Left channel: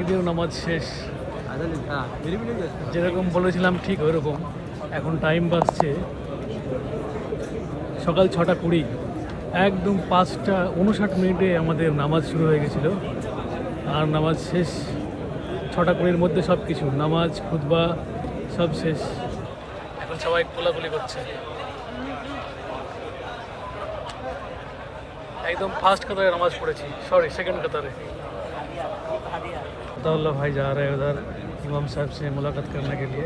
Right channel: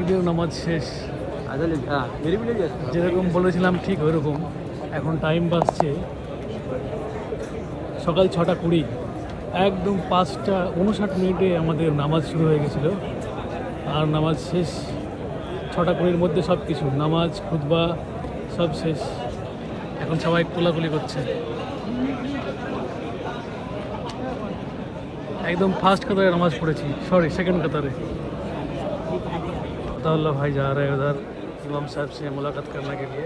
ঈদের নামাজ শেষ, যেরকম বলেছিলাম ঠিক ওরকম। এখন টাইম বাজছে সকাল 6:20, একদম 5:59 আমাদের নামাজ শুরু হয়ে গেছিল, আর নামাজ শেষ 6:20 মধ্যে। সব কিছু নামাজ খুতবা সব শেষ। এখন সবাই কোলাকুলি করছে। एकदम फास्ट कदर नमाज पढ़ी, सॉरी सेकंड बता रहे थे। भाई जा रहे हैं उधर इमाम साहब से मुलाकात करने के लिए।